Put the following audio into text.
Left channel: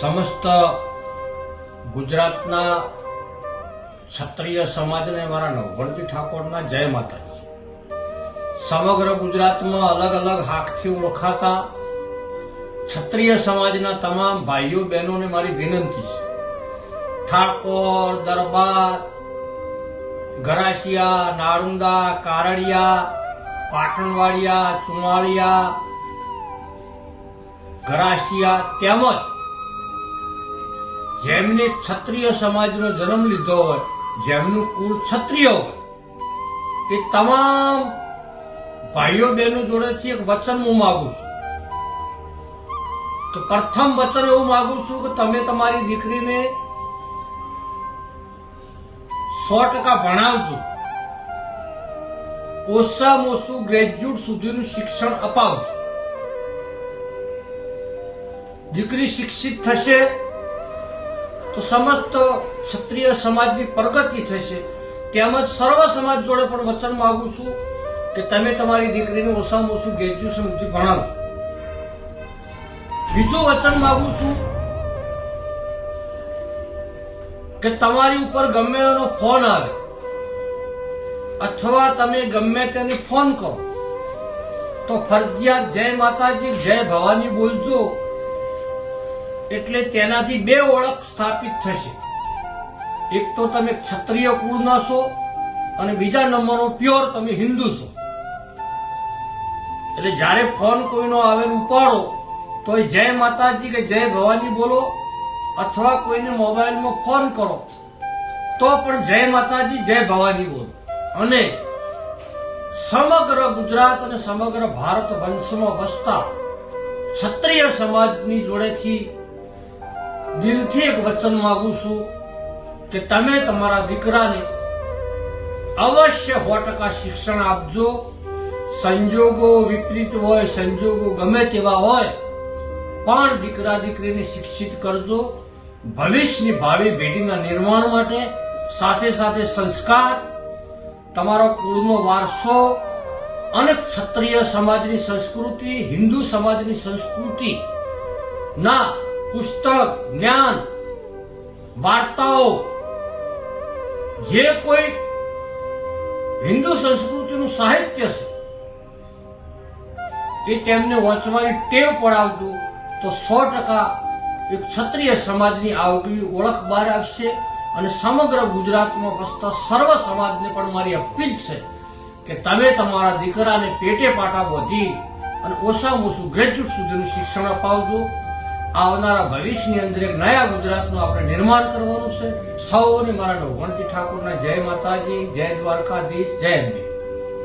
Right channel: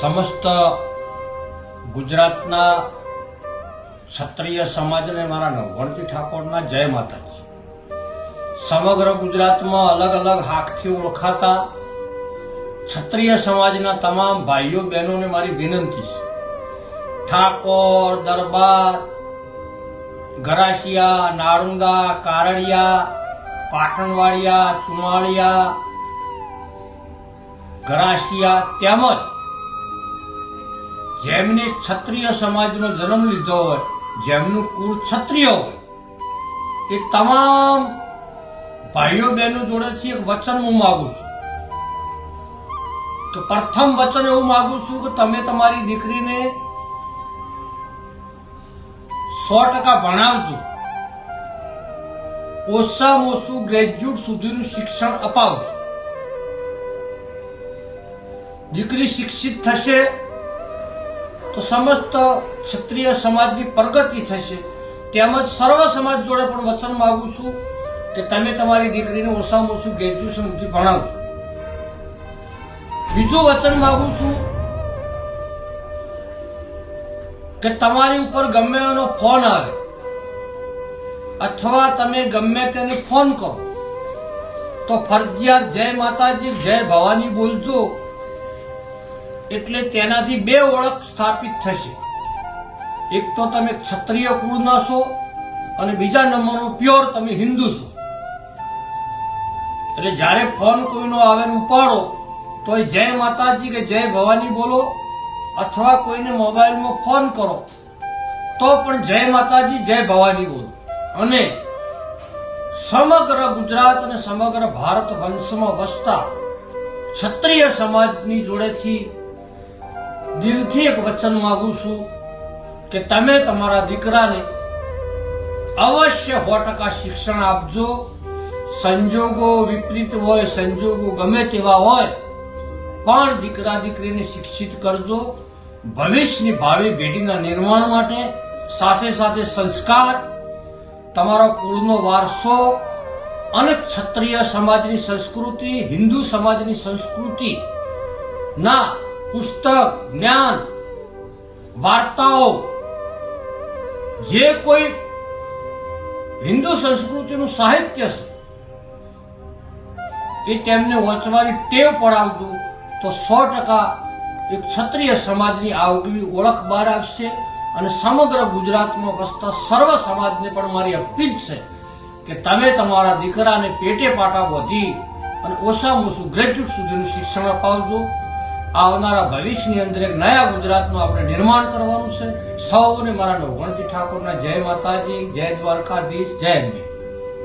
સમસ્ત ગુજરાતના ક્ષત્રિય સમાજને મારા નવગણતી ઠાકોરના જય માતાજી. સમગ્ર ગુજરાતમાં અલગ અલગ હાકથી ઓળખાતા ક્ષત્રિય સમાજના તમામ ભાઈઓ બહેનોને મારી વિનંતી છે. ઠાકોર, દરબાર, ગરાસિયા, નાળુંગા, કારડિયા, પાટણવાડિયા, ચુમાળિયા, ગરાસિયા તેમજ જેમને ક્ષત્રિય સમાજનો જન્મ લીધો હોય, જેમનું કુળ ક્ષત્રિય હોય એ તમામ ભાઈઓ બહેનો જોડેથી એક વચન હું માગું છું. કે પ્રથમ વચન એવું માગું છું કે તમે તમારી દીકરીને સો ટકા ભણાવજો. ઓછામાં ઓછું ગ્રેજ્યુએટ સુધીનું શિક્ષણ અપાવજો. દીકરી શિક્ષિત થશે તો સમસ્ત ક્ષત્રિય સમાજની પ્રગતિ થશે. તેમજ સર્વ સમાજ જોડે પણ વચન માગું છું કે તમે તમારી દીકરીને ઓછામાં ઓછું ગ્રેજ્યુએશન સુધી ભણાવશો બીજું વચન માગું છું કે તમારી ઉપર ગમે એનો ફોન આવે અથવા તમે ગમે તેને ફોન કરો, તો ફરજિયાત જય માતાજી, જય ભવાની બોલજો. એટલે તેનાથી બે ઓળખ સ્થાપિત થશે. એક તો તમે ક્ષત્રિય કુળના છો અને બીજા નંબરનો પ્યોર તમે હિન્દુ છો. એટલે જ્યારે ફોન કોઈનો આવે ઉપાડો તો એ જય માતાજી કે જય ભવાની બોલો, અથવા કોઈને મોબાઈલમાં ફોન કરો, તો પણ જય માતાજી, જય ભવાની બોલો. અને સમગ્ર ગુજરાત અને સમગ્ર ભારત વંશમાં વસતા ક્ષત્રિય સમાજની જોડેથી દિલથી એક વચન માગું છું કે તમે તમારા દીકરાને અવશ્ય સો ટકા શિક્ષણ આપજો. સંજોગો વિપરીત હોય, સંજોગો ગમે તેવા હોય, પણ દીકરા દીકરીને શિક્ષિત કરજો. ભવિષ્યની ભાવિ પેઢીના નિર્માણ માટે સાથે સાથે સંસ્કાર, તમારો કુળનો વારસો અને ક્ષત્રિય સમાજની સંસ્કૃતિ, હિન્દુ સમાજની સંસ્કૃતિ ના પુસ્તક, જ્ઞાન, વાર્તાઓ, જે કોઈ હિન્દુ સંસ્કૃતિનું સાહિત્ય છે, એ તેમને વાંચવાની ટેવ પડાવજો તો સો ટકા એક ક્ષત્રિય સમાજની આગવી ઓળખ બહાર આવશે અને સમગ્ર ગુજરાતમાં વસતા સર્વ સમાજને પણ મારી અપીલ છે કે તમે તમારા દીકરાને પેટે પાટા વધી અને ઓછામાં ઓછું ગ્રેજ્યુએટ સુધીનું શિક્ષણ અપાવજો. આવનારા ભવિષ્યની અંદર એક નયા ગુજરાતનું આપણે નિર્માણ કરવાનું છે. સૌને મારા નવગણજી ઠાકોરના જય માતાજી, જય દ્વારકાધીશ, જય અંબે